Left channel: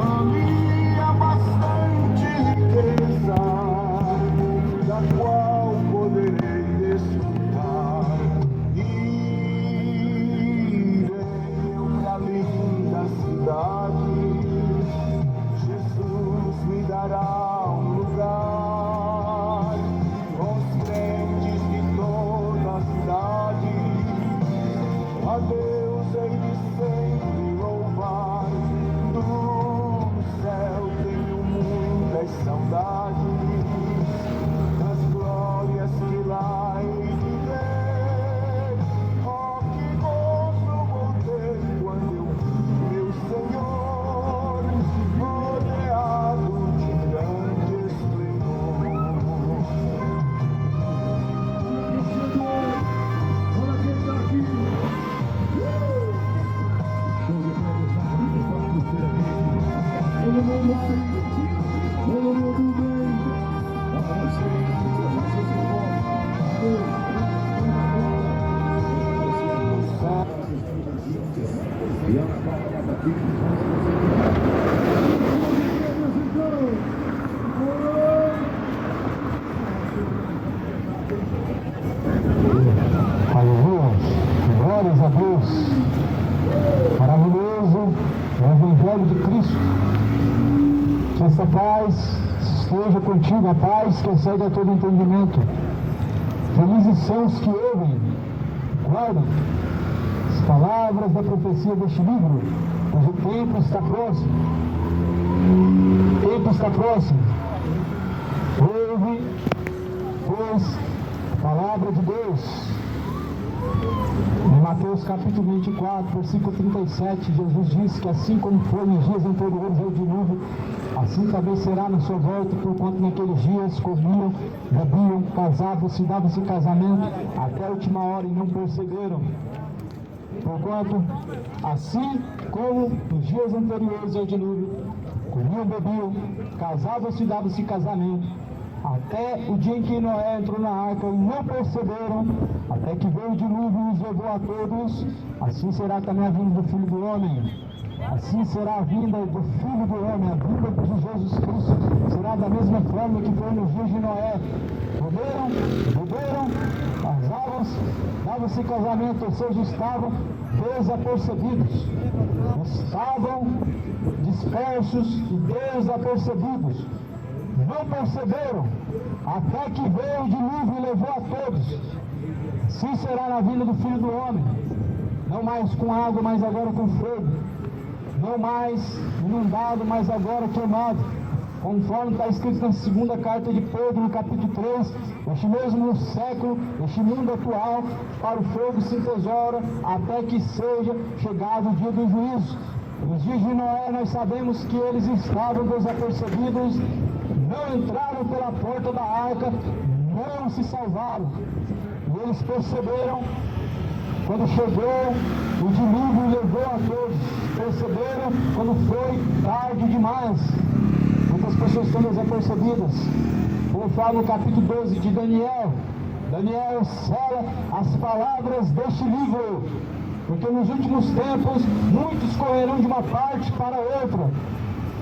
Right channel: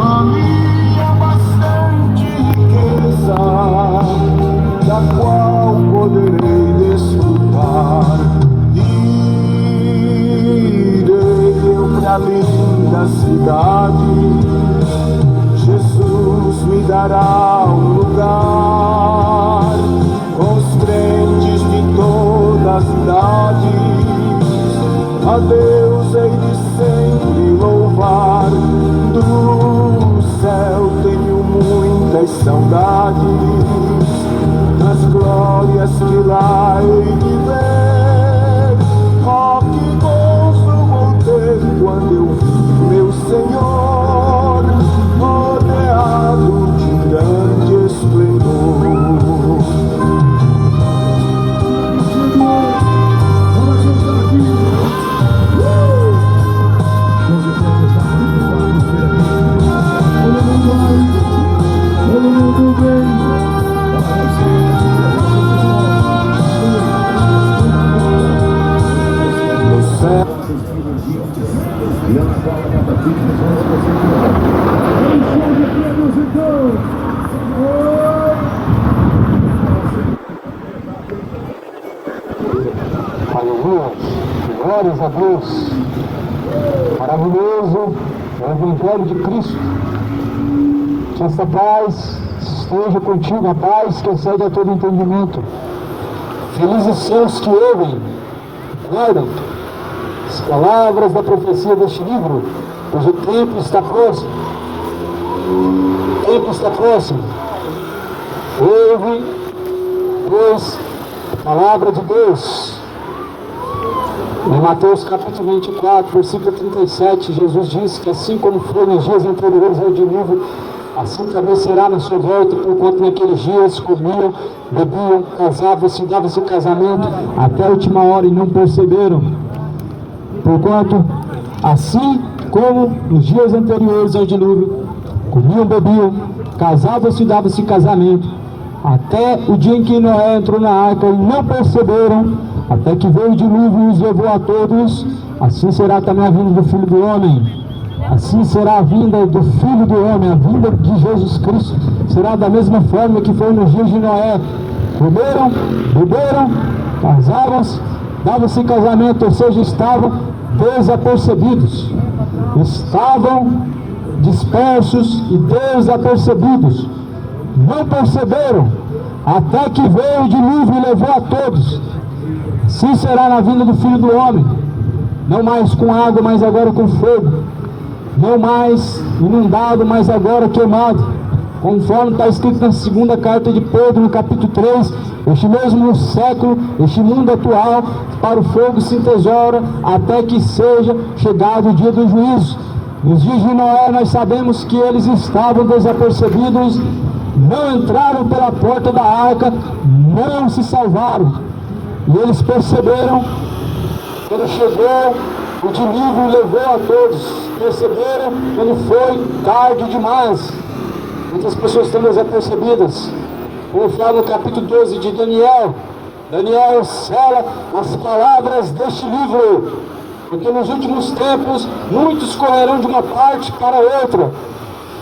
Ali há bastante riqueza, da qual poderei desfrutar. Irei eu pra linda cidade, Jesus me dará um lugar, com os crentes de todas as idades. A Deus hei de sempre louvar, do céu tenho muitas saudades, das glórias que lá hei de ver. Oh, que gozo vou ter quando eu vi meu Senhor, rodeado de grande esplendor. Aleluia, glórias a Deus. Maravilhoso é o Evangelho de Cristo. Que esta paz esteja contigo, a paz que excede a todo entendimento. Felizes são os que ouvem, guardam as palavras da profecia deste livro, pois o tempo está próximo. O tempo está próximo. Ouve, pois, a palavra de Deus. Em Mateus capítulo 24, versículo 37, Jesus disse que assim como foi nos dias anteriores ao dilúvio, assim também será na sua volta, porquanto naqueles dias comiam, bebiam, casavam-se, davam-se casamento, até a última hora e não perceberam. Porquanto, assim como nos dias anteriores ao dilúvio, comiam, bebiam, casavam-se, davam-se casamento, até o dia em que Noé entrou na arca e não perceberam, até que veio o dilúvio e os levou a todos. Assim será também a vinda do Filho do Homem. Assim será a vinda do Filho do Homem, a vinda de Jesus Cristo. Será da mesma forma que foi nos dias de Noé. Comeram, beberam, casavam-se, davam-se casamento, ou seja, estavam desapercebidos. Estavam dispersos e desapercebidos. Não perceberam, até que veio o dilúvio e levou a todos. Assim será na vinda do Filho do Homem, não mais com água, mas agora com fogo, não mais inundado, mas agora queimado, conforme está escrito na segunda carta de Pedro, no capítulo 3, este mesmo século, este mundo atual, para o fogo se entesoura, até que seja chegado o dia do juízo. Nos dias de Noé nós sabemos que eles estavam desapercebidos, não entraram pela porta da arca, não se salvaram. E eles perceberam, quando chegou o dilúvio e levou a todos, perceberam quando foi tarde demais. Muitas pessoas estão desapercebidas. Como fala no capítulo 12 de Daniel, Daniel sela as palavras deste livro, porque nos últimos tempos muitos correrão de uma parte para outra,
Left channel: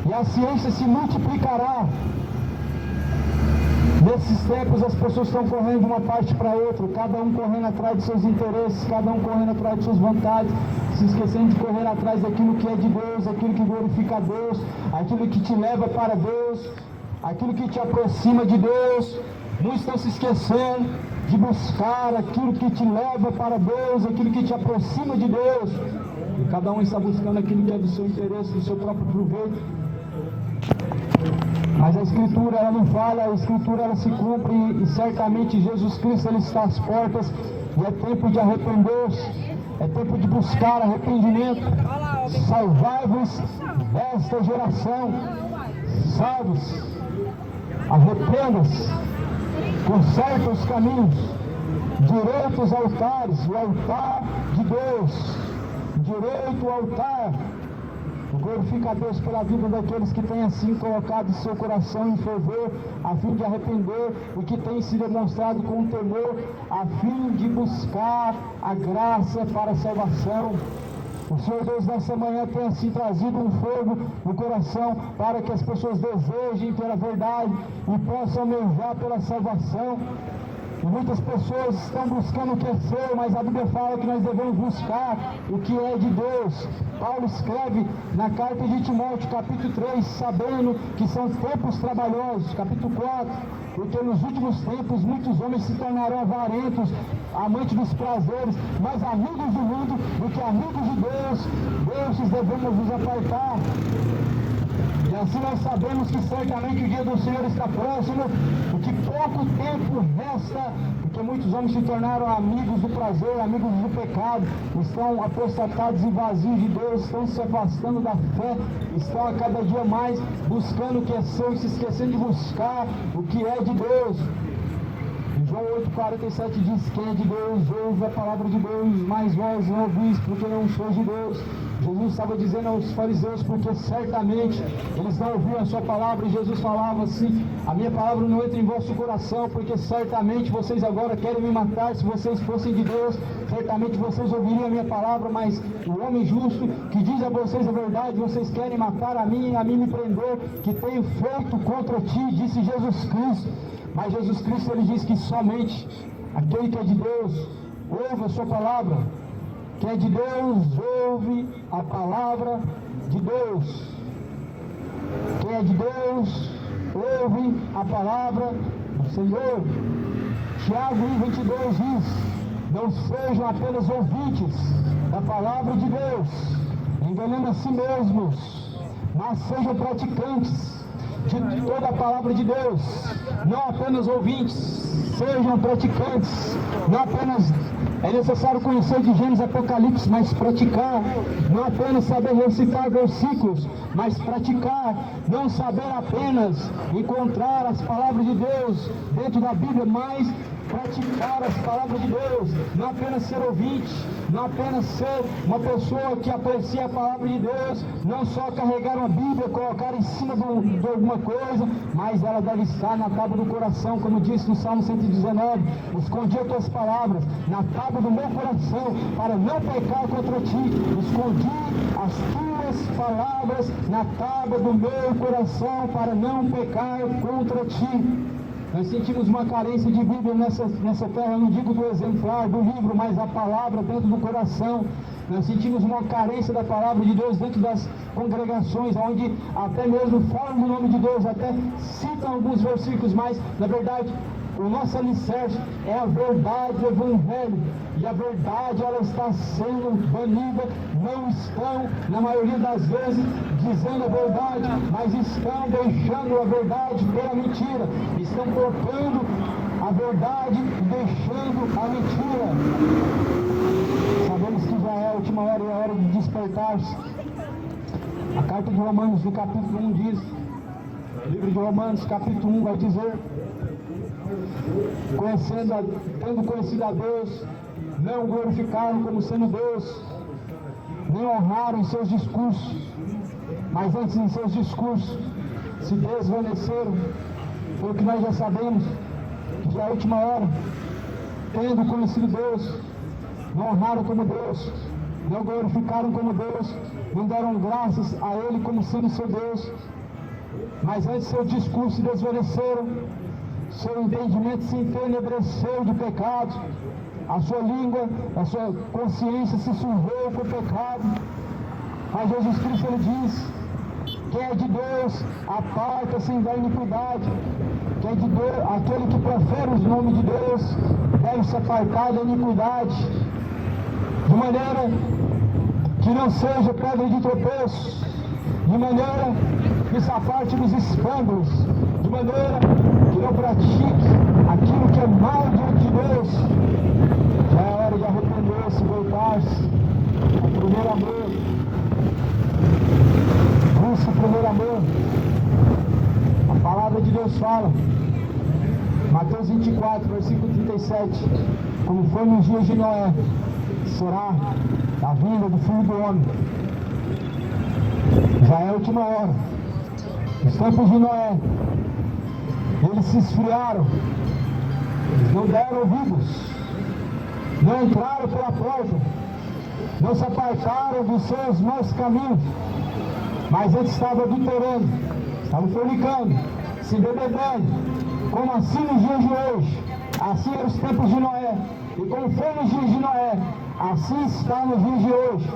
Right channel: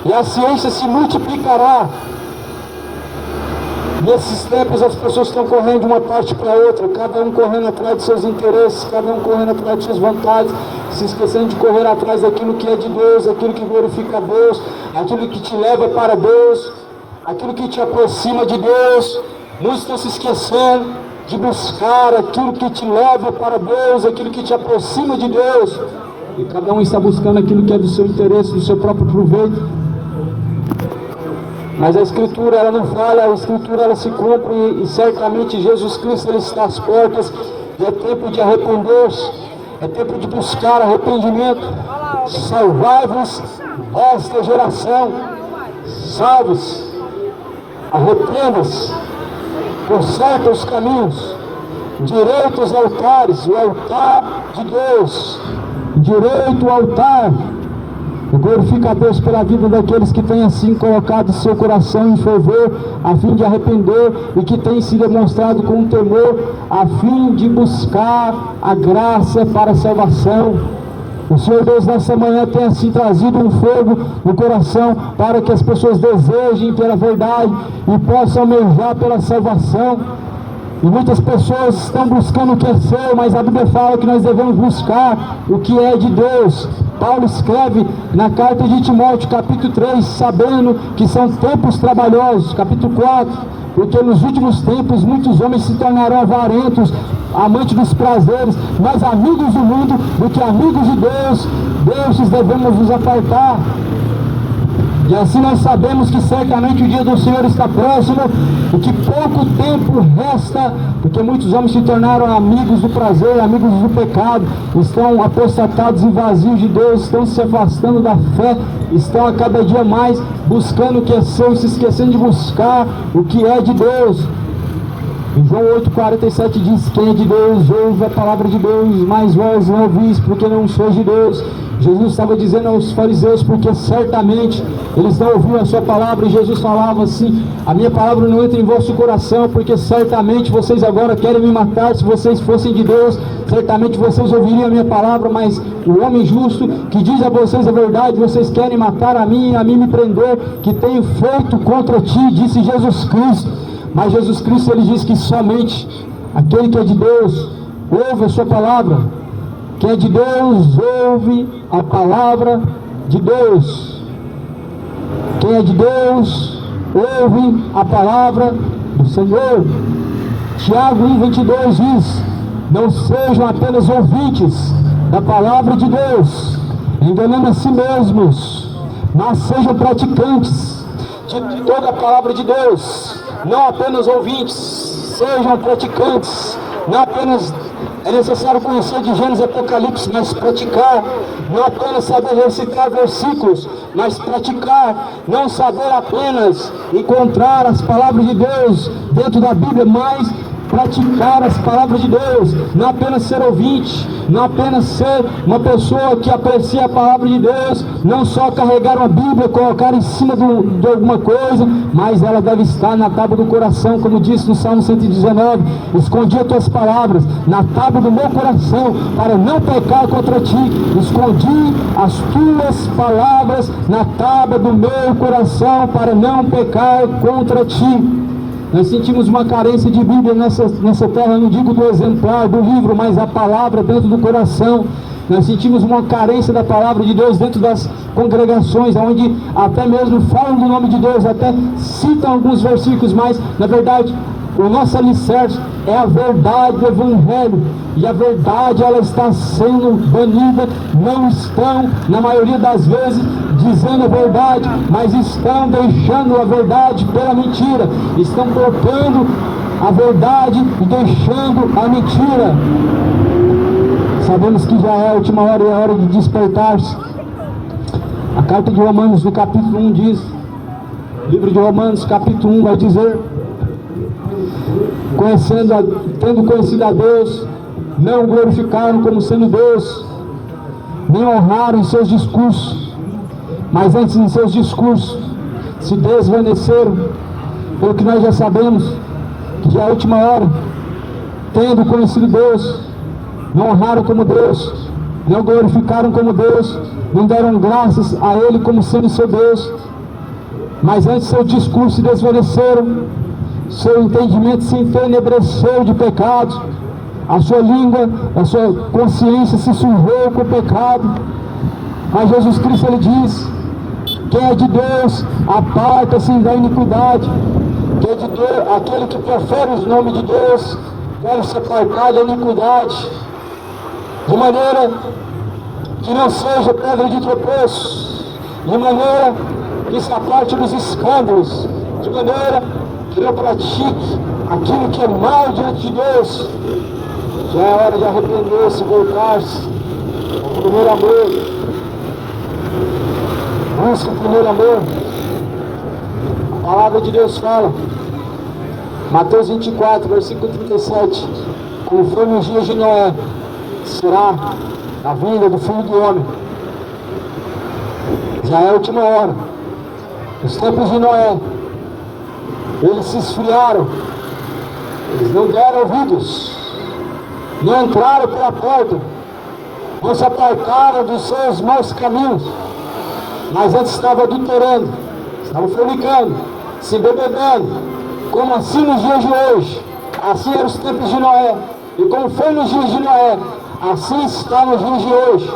e a ciência se multiplicará. Nesses tempos as pessoas estão correndo de uma parte para outra, cada um correndo atrás de seus interesses, cada um correndo atrás de suas vontades, se esquecendo de correr atrás daquilo que é de Deus, aquilo que glorifica a Deus, aquilo que te leva para Deus, aquilo que te aproxima de Deus. Muitos estão se esquecendo de buscar aquilo que te leva para Deus, aquilo que te aproxima de Deus, e cada um está buscando aquilo que é do seu interesse, do seu próprio proveito. Mas a Escritura, ela não falha, a Escritura, ela se cumpre, e certamente Jesus Cristo, ele está às portas, e é tempo de arrepender-se, é tempo de buscar arrependimento. Salvai-vos esta geração, salve-se, arrependa-se, conserta os caminhos, direito aos altares, o altar de Deus, direito ao altar. Eu glorifico a Deus pela vida daqueles que têm assim colocado seu coração em fervor, a fim de arrepender, e que têm se demonstrado com temor, a fim de buscar a graça para a salvação. O Senhor Deus nessa manhã tem assim trazido um fogo no coração para que as pessoas desejem pela verdade e possam almejar pela salvação. E muitas pessoas estão buscando o que é seu, mas a Bíblia fala que nós devemos buscar o que é de Deus. Paulo escreve na carta de Timóteo, capítulo 3, sabendo que são tempos trabalhosos, capítulo 4, porque nos últimos tempos muitos homens se tornarão avarentos, amantes dos prazeres, mais amigos do mundo do que amigos de Deus. Destes devemos nos apartar. E assim nós sabemos que certamente o dia do Senhor está próximo e que pouco tempo resta, porque muitos homens se tornaram amigos do prazer, amigos do pecado, estão apostatados e vazios de Deus, estão se afastando da fé, estão a cada dia mais buscando o que é seu e se esquecendo de buscar o que é de Deus. Em João 8,47 diz: quem é de Deus ouve a palavra de Deus, mas vós não ouvis, porque não sois de Deus. Jesus estava dizendo aos fariseus, porque certamente eles não ouviam a sua palavra, e Jesus falava assim: a minha palavra não entra em vosso coração, porque certamente vocês agora querem me matar. Se vocês fossem de Deus, certamente vocês ouviriam a minha palavra, mas o homem justo que diz a vocês a verdade, vocês querem matar a mim me prender, que tenho feito contra ti, disse Jesus Cristo. Mas Jesus Cristo, ele diz que somente aquele que é de Deus ouve a sua palavra. Quem é de Deus ouve a palavra de Deus. Quem é de Deus ouve a palavra do Senhor. Tiago 1,22 diz: não sejam apenas ouvintes da palavra de Deus, enganando a si mesmos, mas sejam praticantes de toda a palavra de Deus. Não apenas ouvintes, sejam praticantes. Não apenas é necessário conhecer de Gênesis e Apocalipse, mas praticar. Não apenas saber recitar versículos, mas praticar. Não saber apenas encontrar as palavras de Deus dentro da Bíblia, mas praticar as palavras de Deus. Não apenas ser ouvinte, não apenas ser uma pessoa que aprecia a palavra de Deus, não só carregar uma Bíblia, colocar em cima de alguma coisa, mas ela deve estar na tábua do coração, como disse no Salmo 119: escondi as tuas palavras na tábua do meu coração, para não pecar contra ti. Escondi as tuas palavras na tábua do meu coração, para não pecar contra ti. Nós sentimos uma carência de Bíblia nessa terra, não digo do exemplar, do livro, mas a palavra dentro do coração. Nós sentimos uma carência da palavra de Deus dentro das congregações, onde até mesmo falam do nome de Deus, até citam alguns versículos, mas na verdade o nosso alicerce é a verdade do Evangelho, e a verdade ela está sendo banida. Não estão, na maioria das vezes, dizendo a verdade, mas estão deixando a verdade pela mentira, estão trocando a verdade e deixando a mentira. Sabemos que já é a última hora e é hora de despertar-se. A carta de Romanos, no capítulo 1 diz, o livro de Romanos, capítulo 1 vai dizer: tendo conhecido a Deus, não o glorificaram como sendo Deus, nem honraram em seus discursos, mas antes em seus discursos se desvaneceram. Pelo que nós já sabemos, que já é a última hora. Tendo conhecido Deus, não honraram como Deus, não glorificaram como Deus, não deram graças a Ele como sendo seu Deus, mas antes seu discurso se desvaneceram, seu entendimento se entenebreceu de pecado, a sua língua, a sua consciência se sujou com o pecado. Mas Jesus Cristo, ele diz: quem é de Deus, aparta-se da iniquidade. Quem é de Deus, aquele que profere os nomes de Deus, deve se apartar da iniquidade, de maneira que não seja pedra de tropeço, de maneira que se aparte dos escândalos, de maneira que não pratique aquilo que é mal diante de Deus. Já é hora de arrepender-se, voltar-se ao primeiro amor. Busca o primeiro amor. A palavra de Deus fala, Mateus 24, versículo 37, como foi nos dias de Noé, será a vinda do Filho do Homem. Já é a última hora. Os tempos de Noé, eles se esfriaram, eles não deram ouvidos, não entraram pela porta, não se apartaram dos seus maus caminhos, mas antes estavam adulterando, estavam fornicando, se embebedando, como assim nos dias de hoje. Assim eram os tempos de Noé, e como foi nos dias de Noé, assim está nos dias de hoje,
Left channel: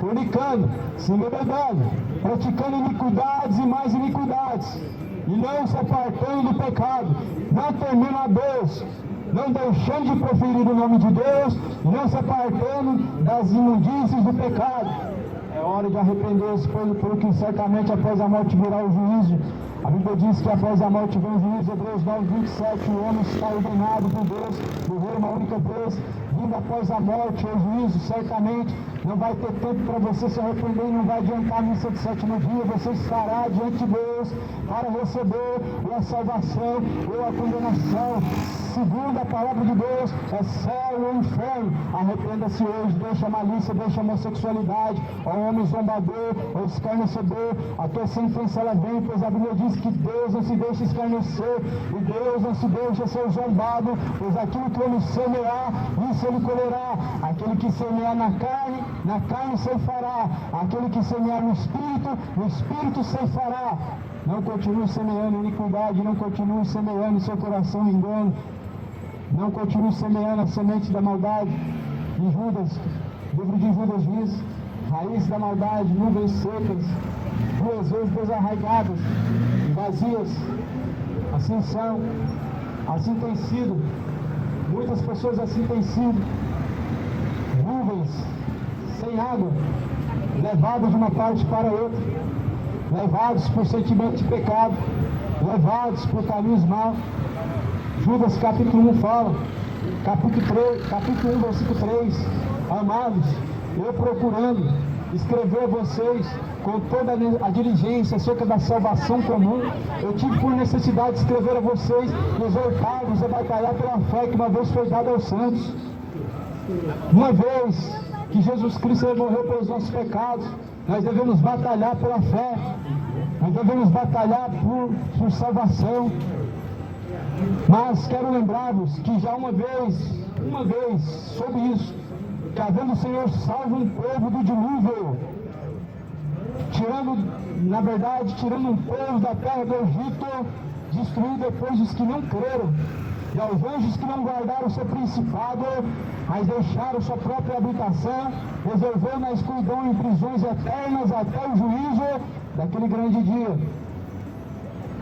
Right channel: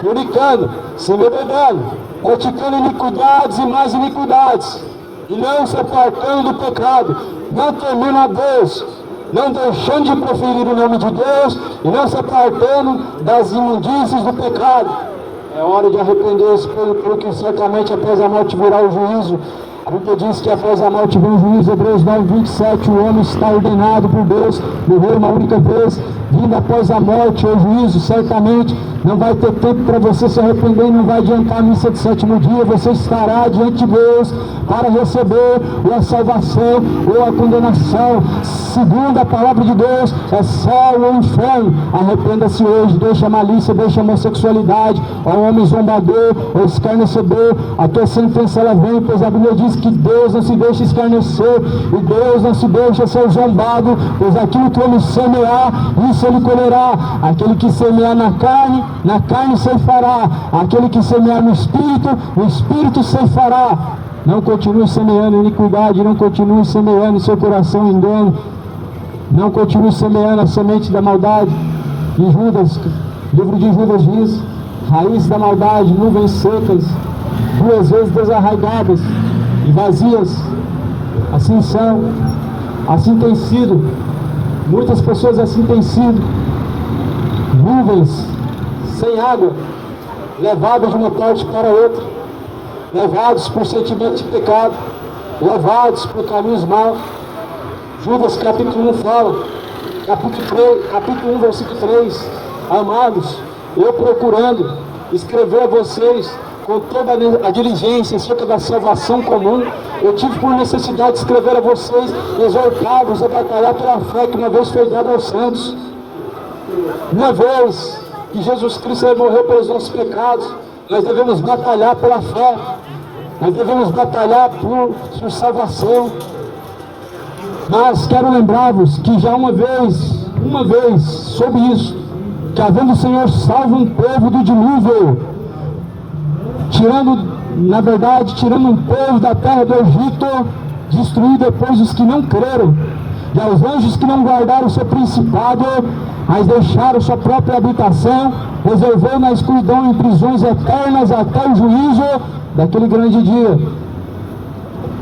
fornicando, se embebedando, praticando iniquidades e mais iniquidades, e não se apartando do pecado, não temendo a Deus, não deixando de proferir o nome de Deus, e não se apartando das imundícies do pecado. É hora de arrepender-se, porque certamente após a morte virá o juízo. A Bíblia diz que após a morte vem o juízo. Hebreus 9, 27, o homem está ordenado por Deus, morrer uma única vez, vindo após a morte o juízo. Certamente não vai ter tempo para você se arrepender, não vai adiantar a missa de sétimo dia, você estará diante de Deus para receber ou a salvação ou a condenação. Segundo a palavra de Deus, é céu ou inferno. Arrependa-se hoje, deixa a malícia, deixa a homossexualidade, ó homem zombador, ou escarnecedor, a tua sentença ela vem, pois a Bíblia diz que Deus não se deixa escarnecer, e Deus não se deixa ser zombado, pois aquilo que ele semear, isso ele colherá. Aquele que semear na carne ceifará. Aquele que semear no Espírito, o Espírito ceifará. Não continue semeando iniquidade, não continue semeando em seu coração engano, não continue semeando a semente da maldade. E Judas, livro de Judas diz, raiz da maldade, nuvens secas, duas vezes desarraigadas e vazias. Assim são, assim tem sido, muitas pessoas assim têm sido, nuvens sem água, levadas de uma parte para outra, levados por sentimentos de pecado, levados por caminhos maus. Judas capítulo 1 fala, capítulo 1, versículo 3, amados, eu procurando escrever a vocês com toda a diligência acerca da salvação comum, eu tive por necessidade de escrever a vocês, exortá-los a batalhar pela fé que uma vez foi dada aos santos. Uma vez que Jesus Cristo morreu pelos nossos pecados, nós devemos batalhar pela fé, nós devemos batalhar por salvação. Mas quero lembrar-vos que já uma vez, soube isso, que havendo o Senhor salvo um povo do dilúvio, tirando um povo da terra do Egito, destruiu depois os que não creram, e aos anjos que não guardaram o seu principado, mas deixaram sua própria habitação, reservou na escuridão em prisões eternas até o juízo daquele grande dia.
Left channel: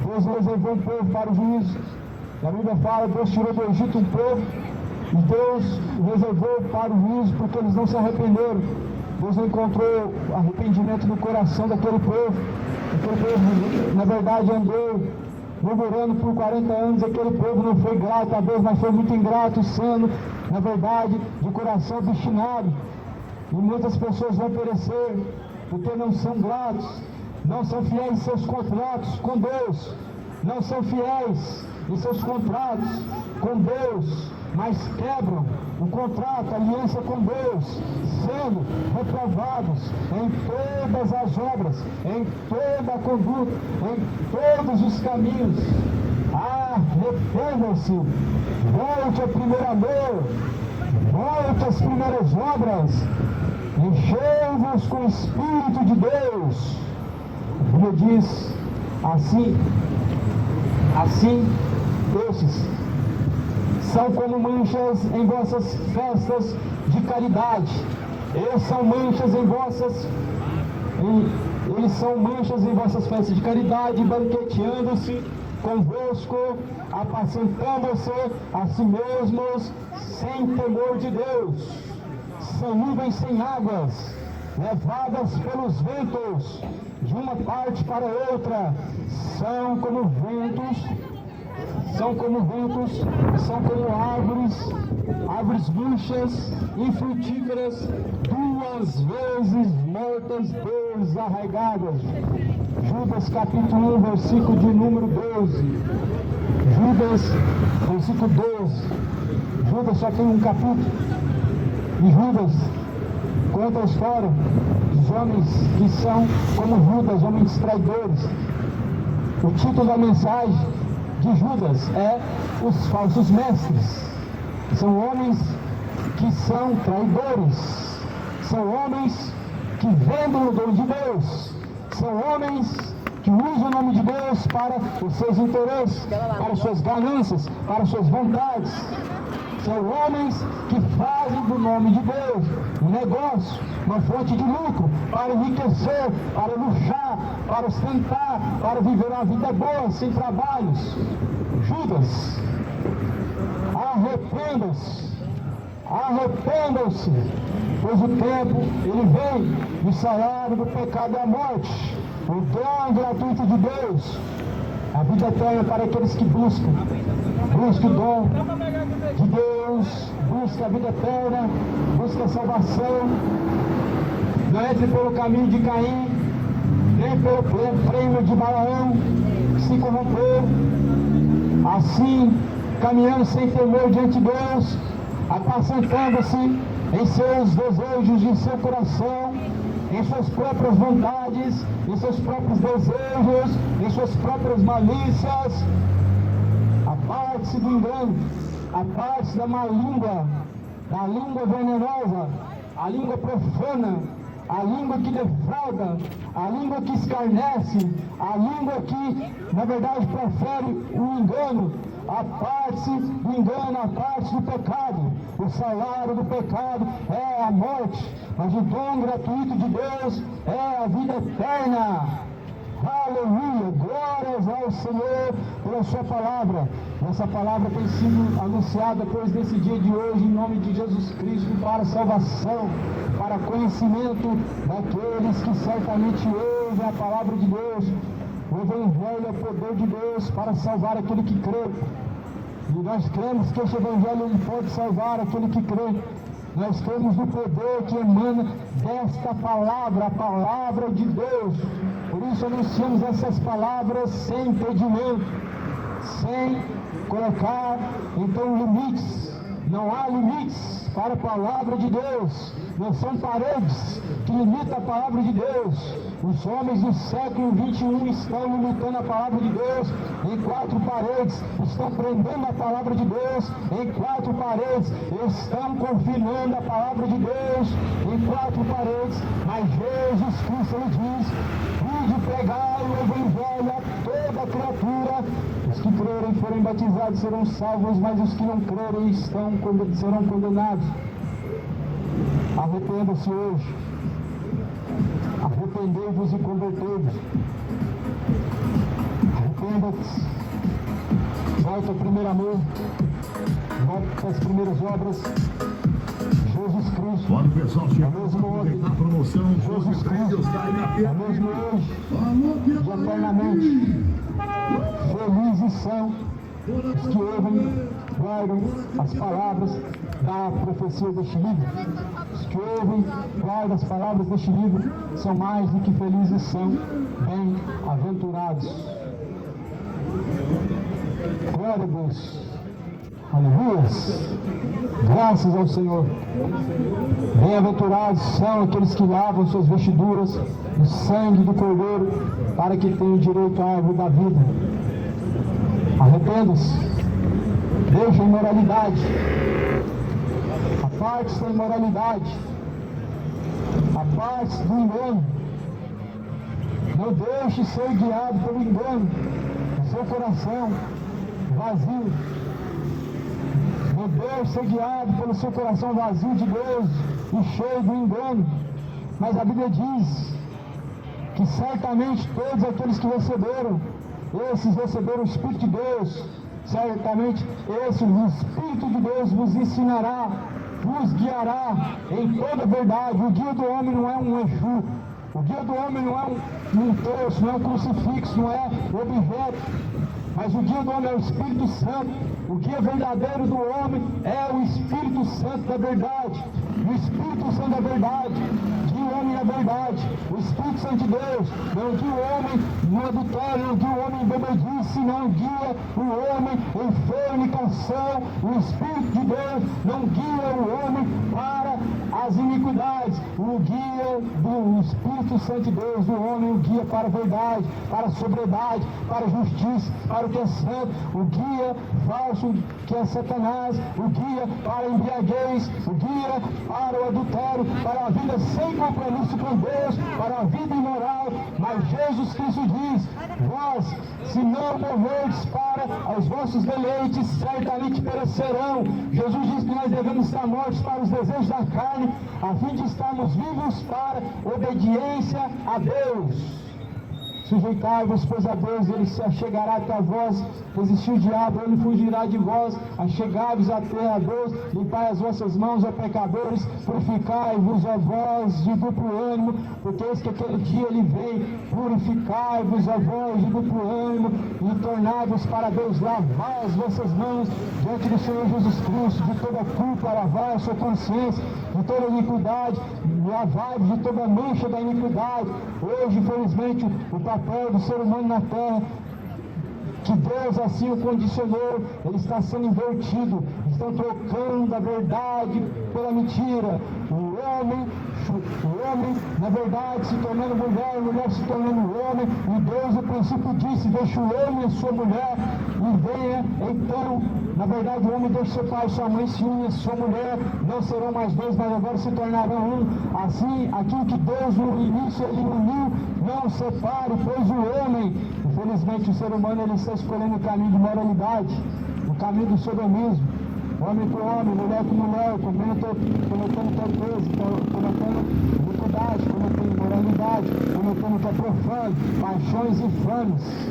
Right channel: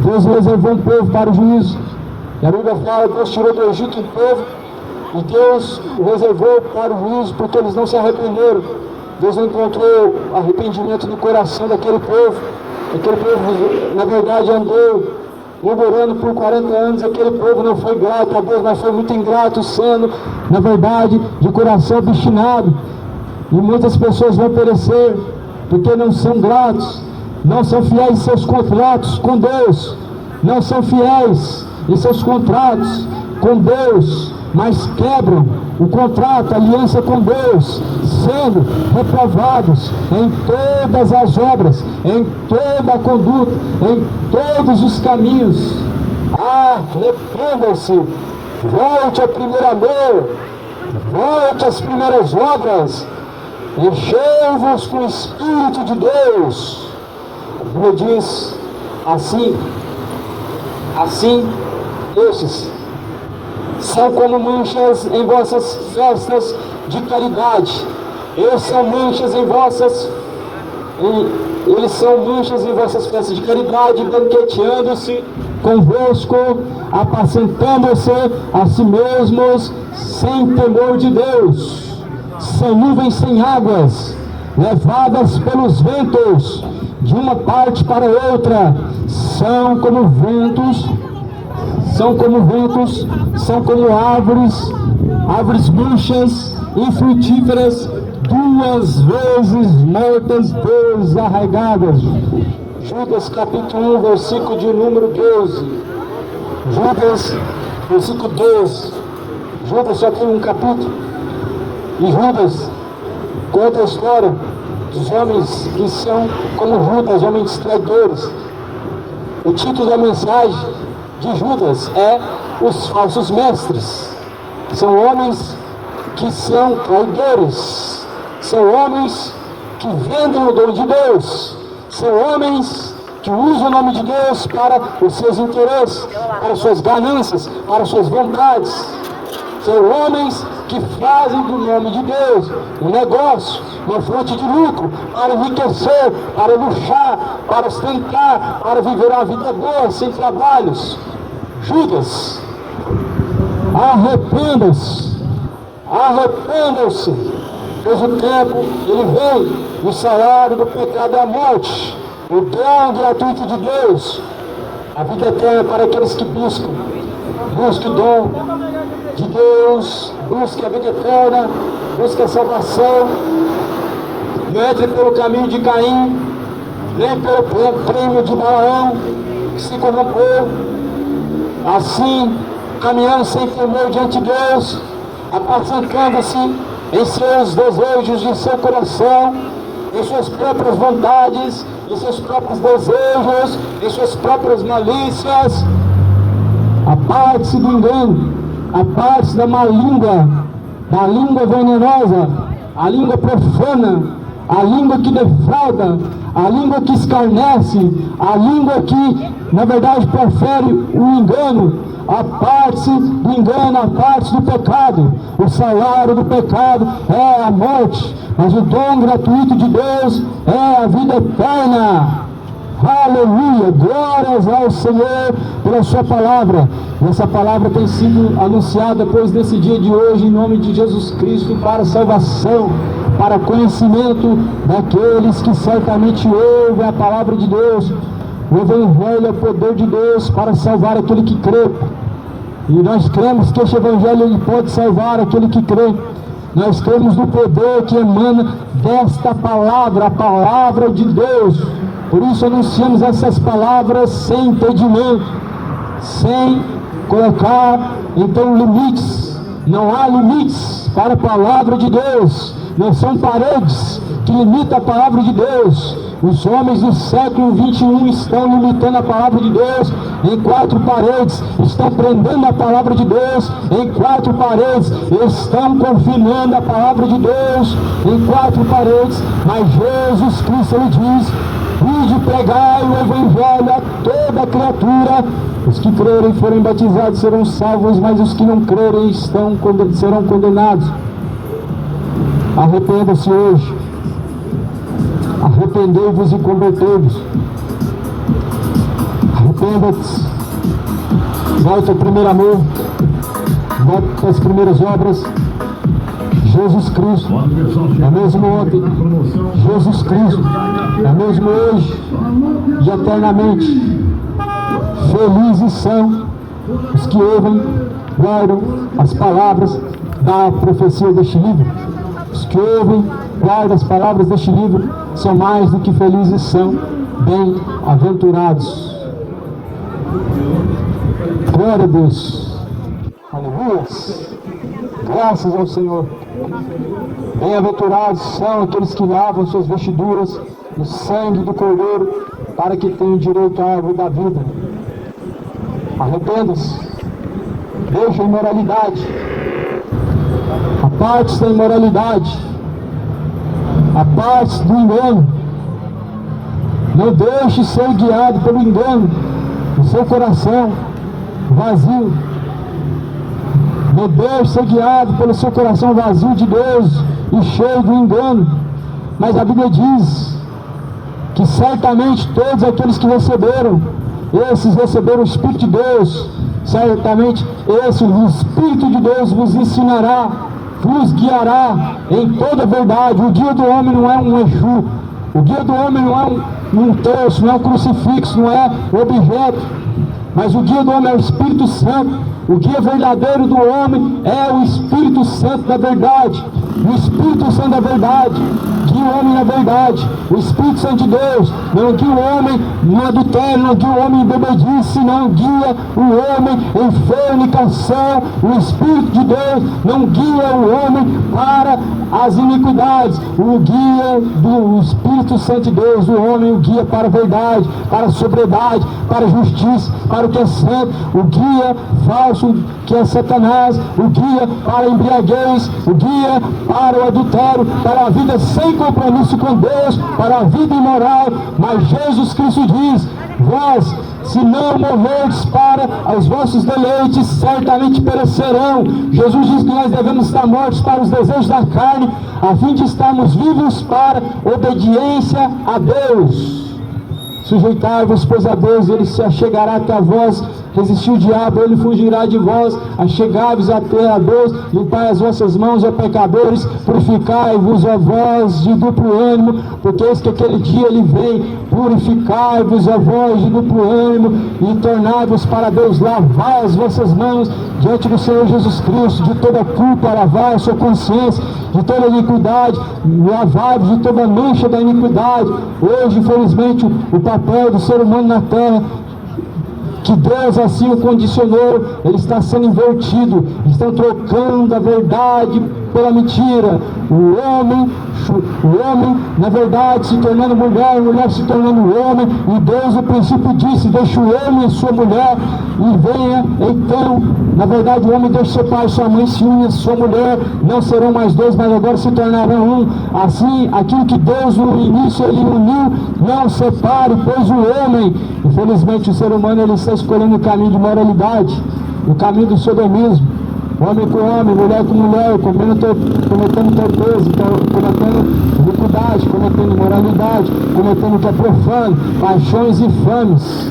Deus reservou um povo para o juízo. E a Bíblia fala, Deus tirou do Egito um povo, e Deus o reservou para o juízo, porque eles não se arrependeram. Deus não encontrou arrependimento no coração daquele povo. Aquele povo, na verdade, andou murmurando por 40 anos. Aquele povo não foi grato a Deus, mas foi muito ingrato, sendo, na verdade, de coração obstinado. E muitas pessoas vão perecer, porque não são gratos, não são fiéis em seus contratos com Deus, não são fiéis em seus contratos com Deus, mas quebram o contrato, a aliança com Deus, sendo reprovados em todas as obras, em toda a conduta, em todos os caminhos. Arrependam-se, volte ao primeiro amor, volte às primeiras obras, enchei-vos com o Espírito de Deus. A Bíblia diz assim, estes são como manchas em vossas festas de caridade. Eles são manchas em vossas festas de caridade, banqueteando-se convosco, apacentando-se a si mesmos, sem temor de Deus. São nuvens sem águas, levadas pelos ventos, de uma parte para outra. São como árvores murchas, infrutíferas, duas vezes mortas, desarraigadas. Judas capítulo 1, versículo de número 12. Judas, versículo 12. Judas só tem um capítulo. E Judas conta a história dos homens que são como Judas, homens traidores. O título da mensagem de Judas é Os Falsos Mestres. São homens que são traidores, são homens que vendem o dom de Deus, são homens que usam o nome de Deus para os seus interesses, para as suas ganâncias, para as suas vontades. São homens que fazem do nome de Deus um negócio, uma fonte de lucro, para enriquecer, para luxar, para ostentar, para viver uma vida boa, sem trabalhos. Judas, arrependam-se, arrependam-se, pois o tempo ele vem, o salário do pecado é a morte, o dom gratuito de Deus, a vida eterna para aqueles que buscam o dom de Deus, busca a vida eterna, busca a salvação. Não entre pelo caminho de Caim, nem pelo prêmio de Balaão, que se corrompeu, assim, caminhando sem temor diante de Deus, apacentando-se em seus desejos de seu coração, em suas próprias vontades, em seus próprios desejos, em suas próprias malícias. Aparte-se do engano, aparte-se da má língua, da língua venenosa, a língua profana, a língua que defrauda, a língua que escarnece, a língua que, na verdade, profere o engano. Aparte-se do engano, aparte-se do pecado. O salário do pecado é a morte, mas o dom gratuito de Deus é a vida eterna. Aleluia, glórias ao Senhor pela sua palavra. E essa palavra tem sido anunciada depois desse dia de hoje, em nome de Jesus Cristo, para salvação, para conhecimento daqueles que certamente ouvem a palavra de Deus. O Evangelho é o poder de Deus para salvar aquele que crê. E nós cremos que este Evangelho ele pode salvar aquele que crê. Nós cremos no poder que emana desta palavra, a palavra de Deus. Por isso anunciamos essas palavras sem impedimento, sem colocar então limites. Não há limites para a palavra de Deus. Não são paredes que limitam a palavra de Deus. Os homens do século 21 estão limitando a palavra de Deus em 4 paredes, estão prendendo a palavra de Deus em 4 paredes, estão confinando a palavra de Deus em 4 paredes, mas Jesus Cristo ele diz: ide pregai o Evangelho a toda criatura, os que crerem e forem batizados serão salvos, mas os que não crerem serão condenados. Arrependa-se hoje, arrependei-vos e convertei-vos. Arrependa-te, volta ao primeiro amor, volta para as primeiras obras. Jesus Cristo é mesmo ontem, Jesus Cristo é mesmo hoje e eternamente. Felizes são os que ouvem, guardam as palavras da profecia deste livro. Os que ouvem, guardam as palavras deste livro são mais do que felizes, são bem-aventurados. Glória a Deus. Aleluia. Graças ao Senhor. Bem-aventurados são aqueles que lavam suas vestiduras no sangue do Cordeiro, para que tenham direito à árvore da vida. Arrependa-se. Deixe a imoralidade. Aparte-se da imoralidade. Aparte-se do engano. Não deixe ser guiado pelo engano. O seu coração vazio. Não deixe ser guiado pelo seu coração vazio de Deus e cheio do engano. Mas a Bíblia diz que certamente todos aqueles que receberam, esses receberam o Espírito de Deus. Certamente esse, o Espírito de Deus vos ensinará, vos guiará em toda a verdade. O guia do homem não é um Exu. O guia do homem não é um terço, não é um crucifixo, não é um objeto. Mas o guia do homem é o Espírito Santo. O guia verdadeiro do homem é o Espírito Santo da verdade. O Espírito Santo da verdade guia o homem na verdade. O Espírito Santo de Deus não guia o homem no adultério, não guia o homem em bebedice, não guia o homem em fornicação. O Espírito de Deus não guia o homem para as iniquidades. O guia do Espírito Santo de Deus, o homem o guia para a verdade, para a sobriedade, para a justiça, para o que é santo. O guia falso, que é Satanás, o guia para a embriaguez, o guia para o adultério, para a vida sem compromisso com Deus, para a vida imoral. Mas Jesus Cristo diz: vós, se não morrerdes para os vossos deleites, certamente perecerão. Jesus diz que nós devemos estar mortos para os desejos da carne, a fim de estarmos vivos para obediência a Deus. Sujeitai-vos, pois, a Deus, ele se achegará até a vós. Resistir o diabo, ele fugirá de vós. Achegai-vos até a Deus, limpai as vossas mãos, ó pecadores, purificai-vos, ó vós de duplo ânimo, porque eis que aquele dia ele vem. Purificai-vos, ó vós de duplo ânimo, e tornai-vos para Deus. Lavai as vossas mãos diante do Senhor Jesus Cristo, de toda culpa, lavai a sua consciência, de toda iniquidade, lavai-vos de toda mancha da iniquidade. Hoje, infelizmente, o papel do ser humano na terra, que Deus assim o condicionou, ele está sendo invertido. Estão trocando a verdade pela mentira. O homem, na verdade, se tornando mulher, a mulher se tornando homem. E Deus, no princípio, disse: deixa o homem e sua mulher e venha. Então, na verdade, o homem deixa seu pai e sua mãe, se une a sua mulher. Não serão mais dois, mas agora se tornarão um. Assim, aquilo que Deus no início ele uniu, não separe, pois o homem, infelizmente, o ser humano, ele está escolhendo o caminho de moralidade, o caminho do sodomismo. Homem com homem, mulher com mulher, cometendo torpeza, cometendo iniquidade, cometendo imoralidade, cometendo o que é profano, paixões infames.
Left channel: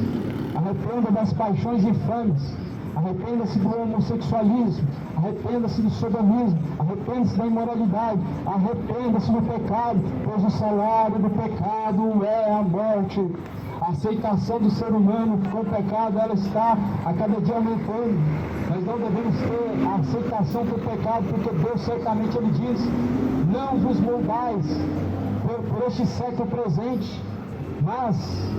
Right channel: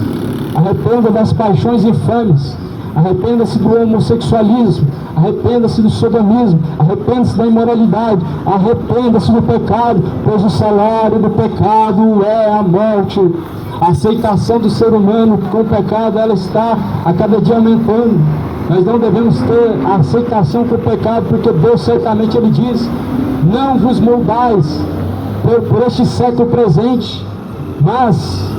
Arrependa das paixões infames. Arrependa-se do homossexualismo, arrependa-se do sodomismo, arrependa-se da imoralidade, arrependa-se do pecado, pois o salário do pecado é a morte. A aceitação do ser humano com o pecado, ela está a cada dia aumentando. Nós não devemos ter a aceitação com o pecado, porque Deus certamente ele diz: não vos moldais por este século presente, mas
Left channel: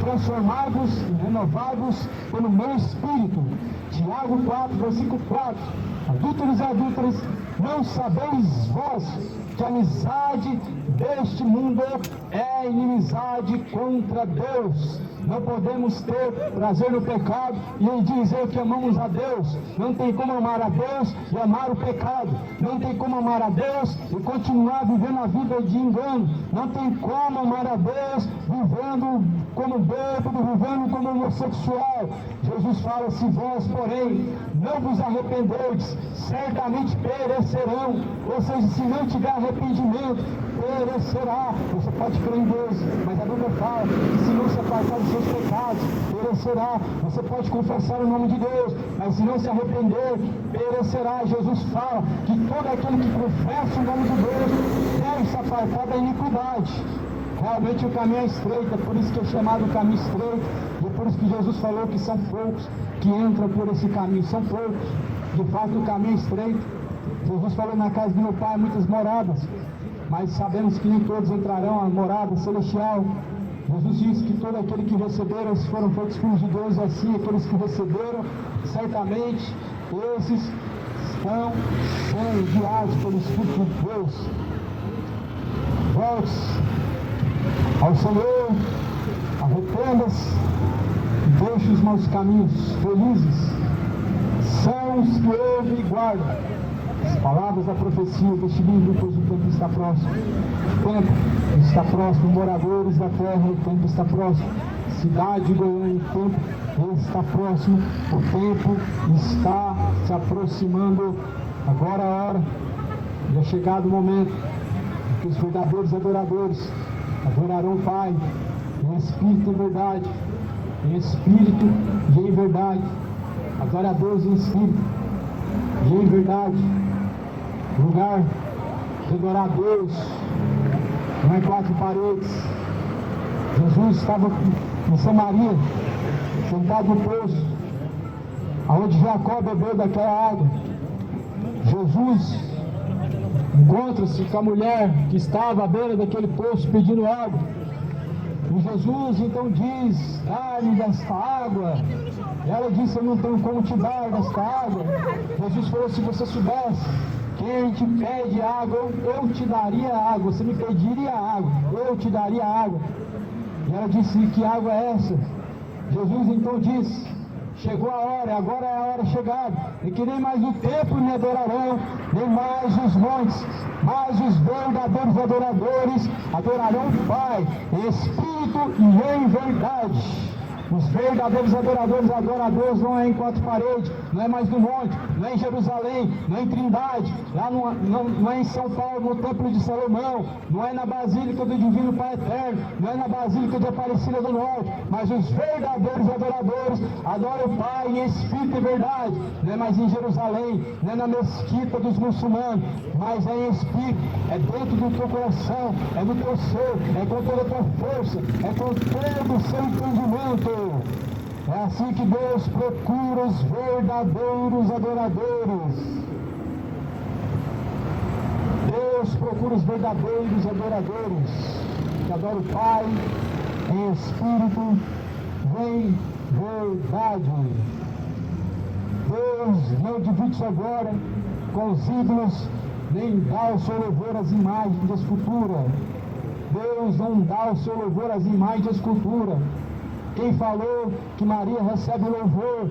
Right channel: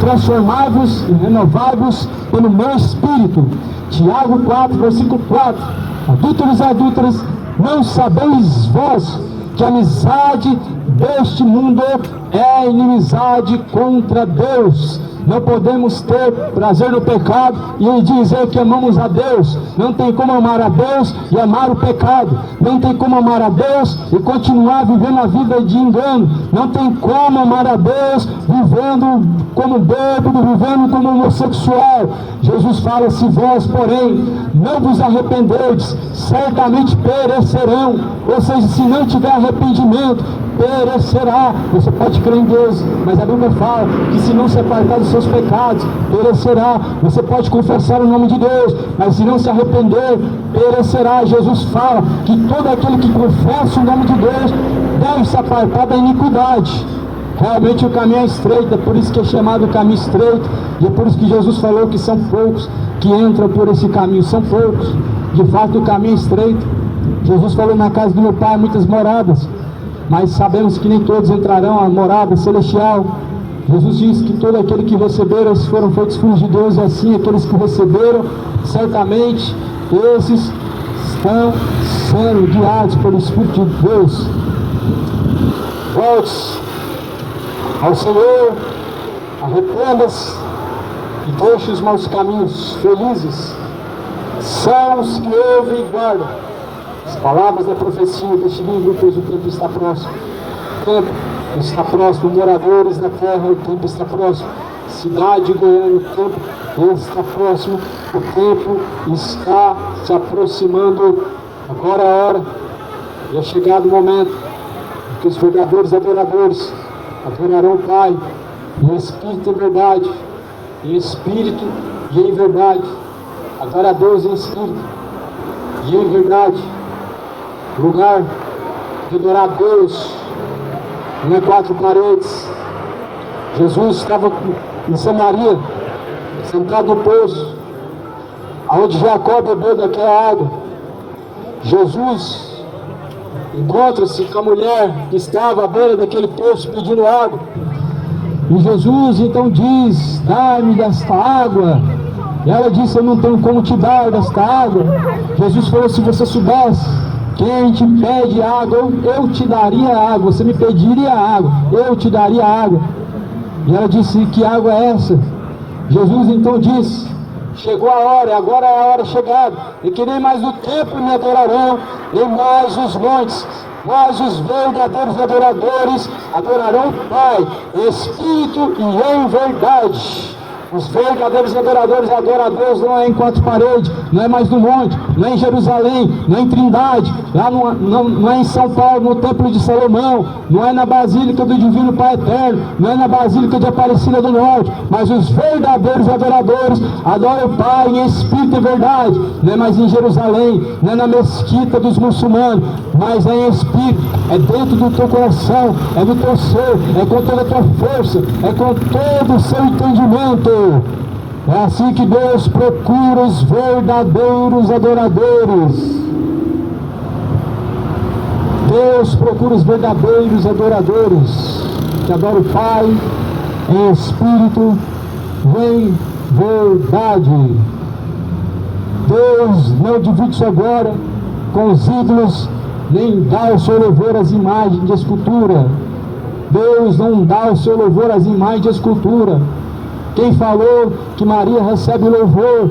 transformai-vos e renovai-vos pelo meu Espírito. Tiago 4, versículo 4. Adúlteros e adúlteras, não sabeis vós que a amizade deste mundo é inimizade contra Deus? Não podemos ter prazer no pecado e dizer que amamos a Deus. Não tem como amar a Deus e amar o pecado. Não tem como amar a Deus e continuar vivendo a vida de engano. Não tem como amar a Deus vivendo como bêbado, vivendo como homossexual. Jesus fala: se vós, porém, não vos arrependerdes, certamente perecerão. Ou seja, se não tiver arrependimento, perecerá. Você pode crer em Deus, mas a Bíblia fala que se não se apartar dos seus pecados, perecerá. Você pode confessar o nome de Deus, mas se não se arrepender, perecerá. Jesus fala que todo aquele que confessa o nome de Deus deve se apartar da iniquidade. Realmente o caminho é estreito, é por isso que é chamado caminho estreito, e é por isso que Jesus falou que são poucos que entram por esse caminho, são poucos. De fato o caminho é estreito. Jesus falou: na casa do meu Pai há muitas moradas, mas sabemos que nem todos entrarão à morada celestial. Jesus disse que todo aquele que receberam, esses foram feitos filhos de Deus, e assim aqueles que receberam, certamente esses estão sendo guiados pelo Espírito de Deus. Volte ao Senhor, arrependa-se e deixe os maus caminhos. Felizes são os que ouvem e guardam as palavras da profecia deste livro, pois o tempo está próximo. O tempo está próximo, moradores da terra, o tempo está próximo. Cidade de Goiânia, o tempo está próximo. O tempo está se aproximando. Agora é a hora, e é chegado o momento que os verdadeiros adoradores adorarão o Pai em espírito e em verdade, em espírito e em verdade. Adora a Deus em espírito e em verdade. O lugar de adorar a Deus não é quatro paredes. Jesus estava em Samaria, sentado no poço, aonde Jacó bebeu daquela água. Jesus encontra-se com a mulher que estava à beira daquele poço pedindo água. E Jesus então diz: dá-me desta água. E ela disse: eu não tenho como te dar desta água. Jesus falou: se você soubesse quem te pede água, eu te daria água. Você me pediria água, eu te daria água. E ela disse: que água é essa? Jesus então disse: chegou a hora, agora é a hora chegada, e que nem mais o templo me adorarão, nem mais os montes, mas os verdadeiros adoradores adorarão o Pai, em espírito e em verdade. Os verdadeiros adoradores adoram a Deus não é em quatro paredes, não é mais no monte, não é em Jerusalém, não é em Trindade, lá não é em São Paulo, no Templo de Salomão, não é na Basílica do Divino Pai Eterno, não é na Basílica de Aparecida do Norte, mas os verdadeiros adoradores adoram o Pai em espírito e verdade. Não é mais em Jerusalém, não é na mesquita dos muçulmanos, mas é em espírito, é dentro do teu coração, é do teu ser, é com toda a tua força, é com todo o seu entendimento. É assim que Deus procura os verdadeiros adoradores. Deus procura os verdadeiros adoradores, que adoram o Pai em espírito e em verdade. Deus não divide sua glória com os ídolos, nem dá o seu louvor às imagens de escultura. Deus não dá o seu louvor às imagens de escultura. Quem falou que Maria recebe louvor?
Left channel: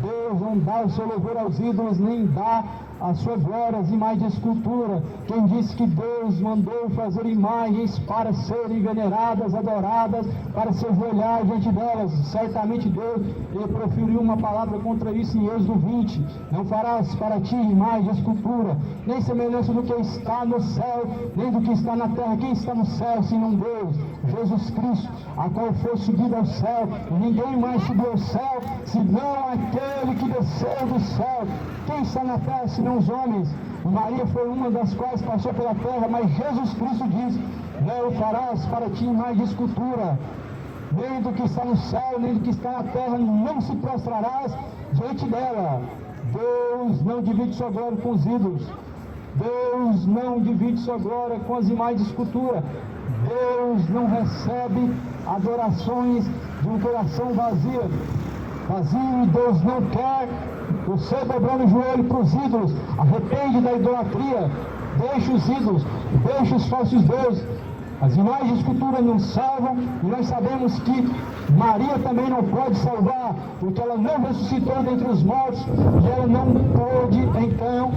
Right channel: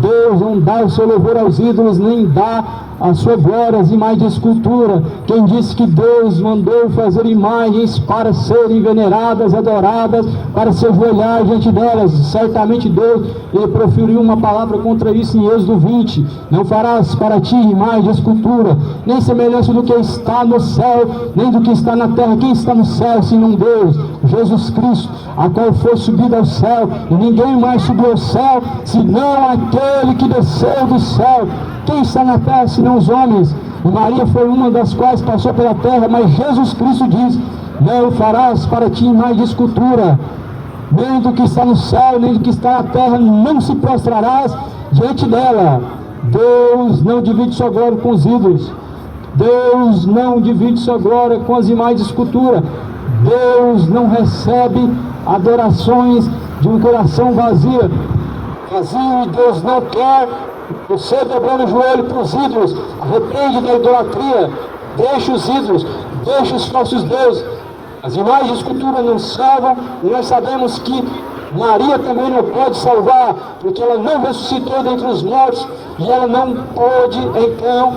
Deus não dá o seu louvor aos ídolos, nem dá a sua glória às imagens de escultura. Quem disse que Deus mandou fazer imagens para serem veneradas, adoradas, para se ajoelhar diante delas? Certamente Deus, ele proferiu uma palavra contra isso em Êxodo 20. Não farás para ti imagem de escultura, nem semelhança do que está no céu, nem do que está na terra. Quem está no céu, senão Deus? Jesus Cristo, a qual foi subido ao céu, e ninguém mais subiu ao céu, senão aquele que desceu do céu. Quem está na terra, senão os homens? E Maria foi uma das quais passou pela terra, mas Jesus Cristo diz: não farás para ti imagem de escultura, nem do que está no céu, nem do que está na terra, não se prostrarás diante dela. Deus não divide sua glória com os ídolos. Deus não divide sua glória com as imagens de escultura. Deus não recebe adorações de um coração vazio, e Deus não quer você dobrando o joelho para os ídolos. Arrepende da idolatria, deixa os ídolos, deixa os falsos deuses. As imagens de escultura não salvam, e nós sabemos que Maria também não pode salvar, porque ela não ressuscitou dentre os mortos, e ela não pôde então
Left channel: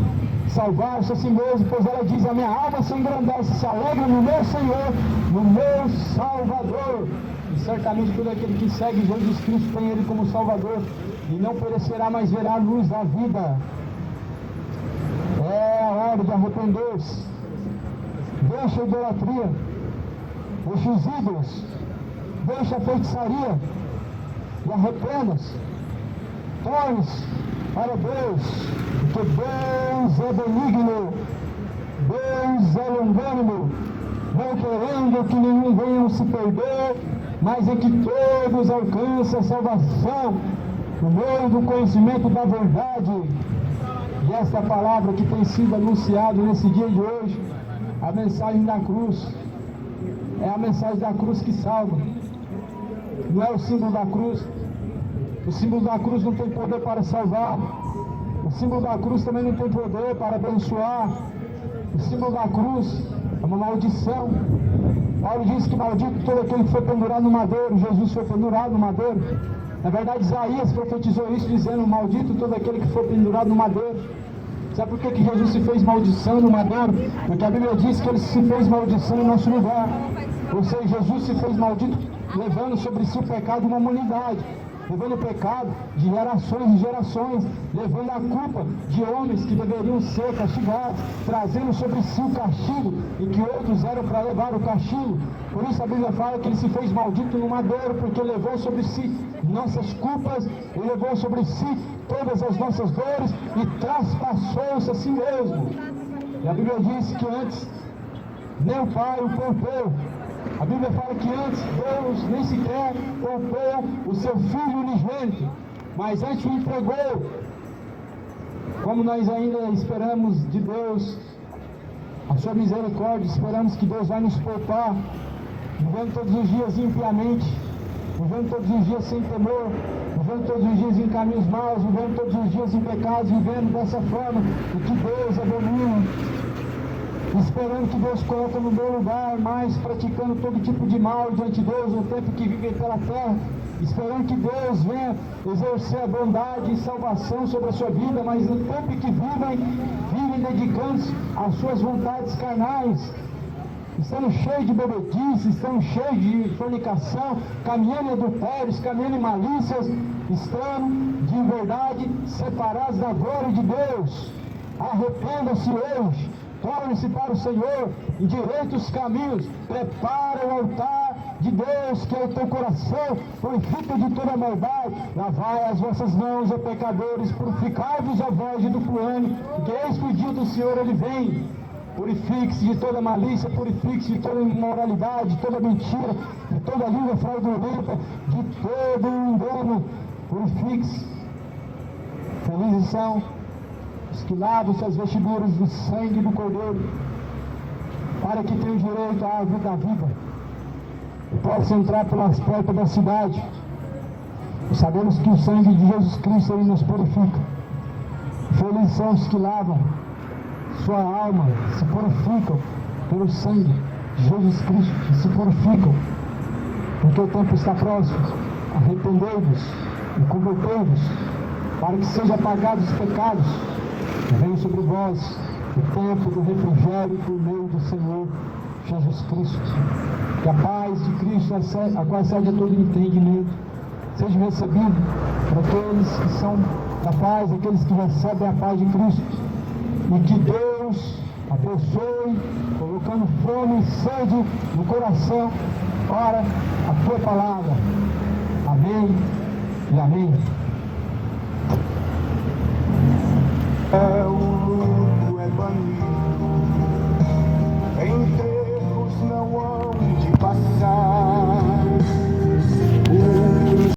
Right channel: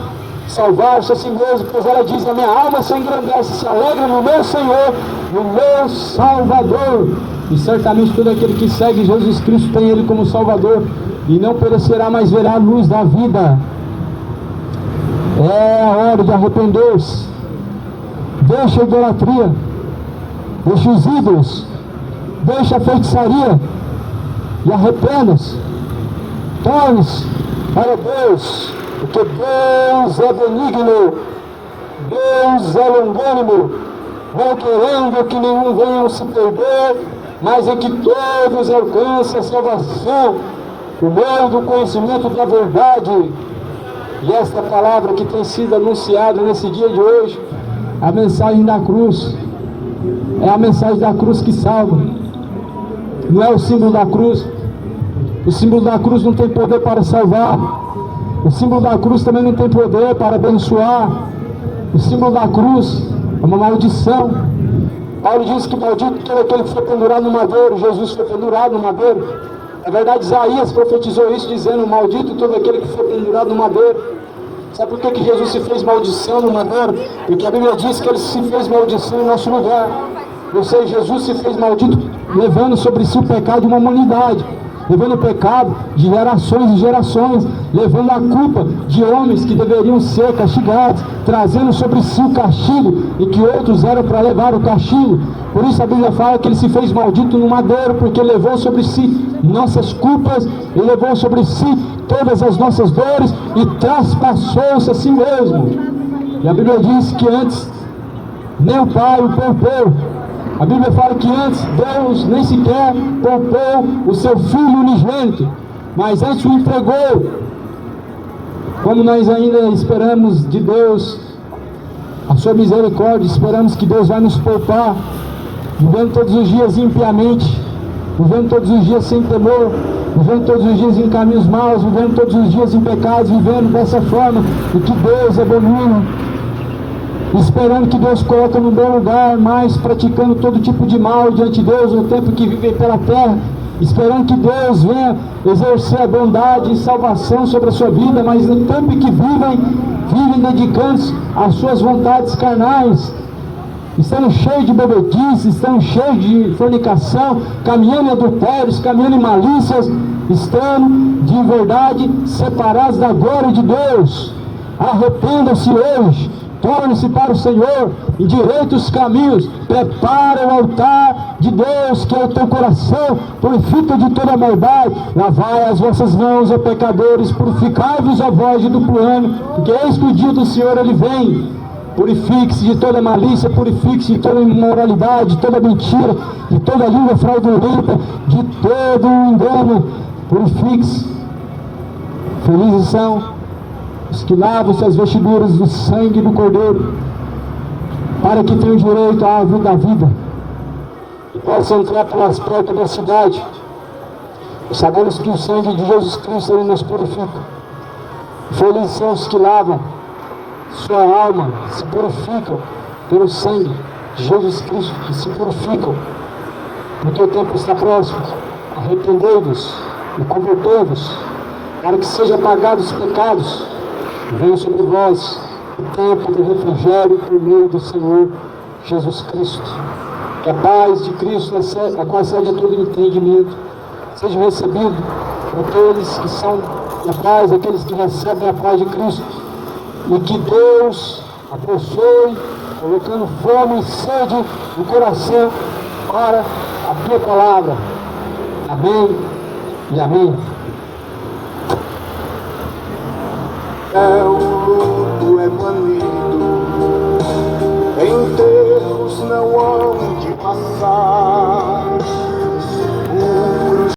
salvar-se a si mesma, pois ela diz: a minha alma se engrandece, se alegra no meu Senhor, no meu Salvador. E certamente todo aquele que segue Jesus Cristo tem Ele como Salvador, e não perecerá, mas verá a luz da vida. É a hora de arrepender-se. Deixa a idolatria, deixa os ídolos, deixa a feitiçaria e arrependa-se. Torne-se para Deus, porque Deus é benigno, Deus é longânimo, não querendo que nenhum venha se perder, mas é que todos alcancem a salvação por meio do conhecimento da verdade. E esta palavra que tem sido anunciada nesse dia de hoje, a mensagem da cruz, é a mensagem da cruz que salva, não é o símbolo da cruz. O símbolo da cruz não tem poder para salvar, o símbolo da cruz também não tem poder para abençoar. O símbolo da cruz é uma maldição. Paulo diz que maldito todo aquele que foi pendurado no madeiro. Jesus foi pendurado no madeiro. Na verdade, Isaías profetizou isso, dizendo: maldito todo aquele que foi pendurado no madeiro. Sabe por que Jesus se fez maldição no madeiro? Porque a Bíblia diz que ele se fez maldição em nosso lugar. Ou seja, Jesus se fez maldito, levando sobre si o pecado de uma humanidade, levando o pecado de gerações e gerações, levando a culpa de homens que deveriam ser castigados, trazendo sobre si o castigo, e que outros eram para levar o castigo. Por isso a Bíblia fala que ele se fez maldito no madeiro, porque levou sobre si nossas culpas, ele levou sobre si todas as nossas dores, e traspassou-se a si mesmo. E a Bíblia diz que antes nem o Pai o poupou. A Bíblia fala que antes Deus nem sequer poupou o seu Filho unigênito, mas antes o entregou. Como nós ainda esperamos de Deus a sua misericórdia, esperamos que Deus vai nos poupar, vivendo todos os dias impiamente, vivendo todos os dias sem temor, vivendo todos os dias em caminhos maus, vivendo todos os dias em pecados, vivendo dessa forma, e que Deus abomina, esperando que Deus coloque no bom lugar, mas praticando todo tipo de mal diante de Deus no tempo que vivem pela terra, esperando que Deus venha exercer a bondade e salvação sobre a sua vida, mas no tempo que vivem dedicando-se às suas vontades carnais, estando cheios de bebedice, estando cheios de fornicação, caminhando em adultérios, caminhando em malícias, estando de verdade separados da glória de Deus. Arrependam-se hoje, tornem-se para o Senhor, endireitem os caminhos, prepara o altar de Deus, que é o teu coração, purifica de toda a maldade, lavai as vossas mãos, ó pecadores, purificai-vos, ó vós de duplo ânimo, porque eis que o dia do Senhor ele vem. Purifique-se de toda malícia, purifique-se de toda imoralidade, de toda mentira, de toda língua fraudulenta, de todo engano, purifique-se. Felizes são os que lavam-se as vestiduras do sangue do Cordeiro, para que tenham direito à árvore da vida e possam entrar pelas portas da cidade. E sabemos que o sangue de Jesus Cristo ele nos purifica. Felizes são os que lavam sua alma, se purificam pelo sangue de Jesus Cristo, que se purificam, porque o tempo está próximo. Arrependei-vos e convertei-vos, para que sejam apagados os pecados. Venha sobre vós o tempo do refrigério por meio do Senhor Jesus Cristo. Que a paz de Cristo, a qual excede a todo entendimento, seja recebido por aqueles que são da paz, aqueles que recebem a paz de Cristo. E que Deus abençoe, colocando fome e sede no coração para a tua palavra. Amém e amém. É o luto, é banir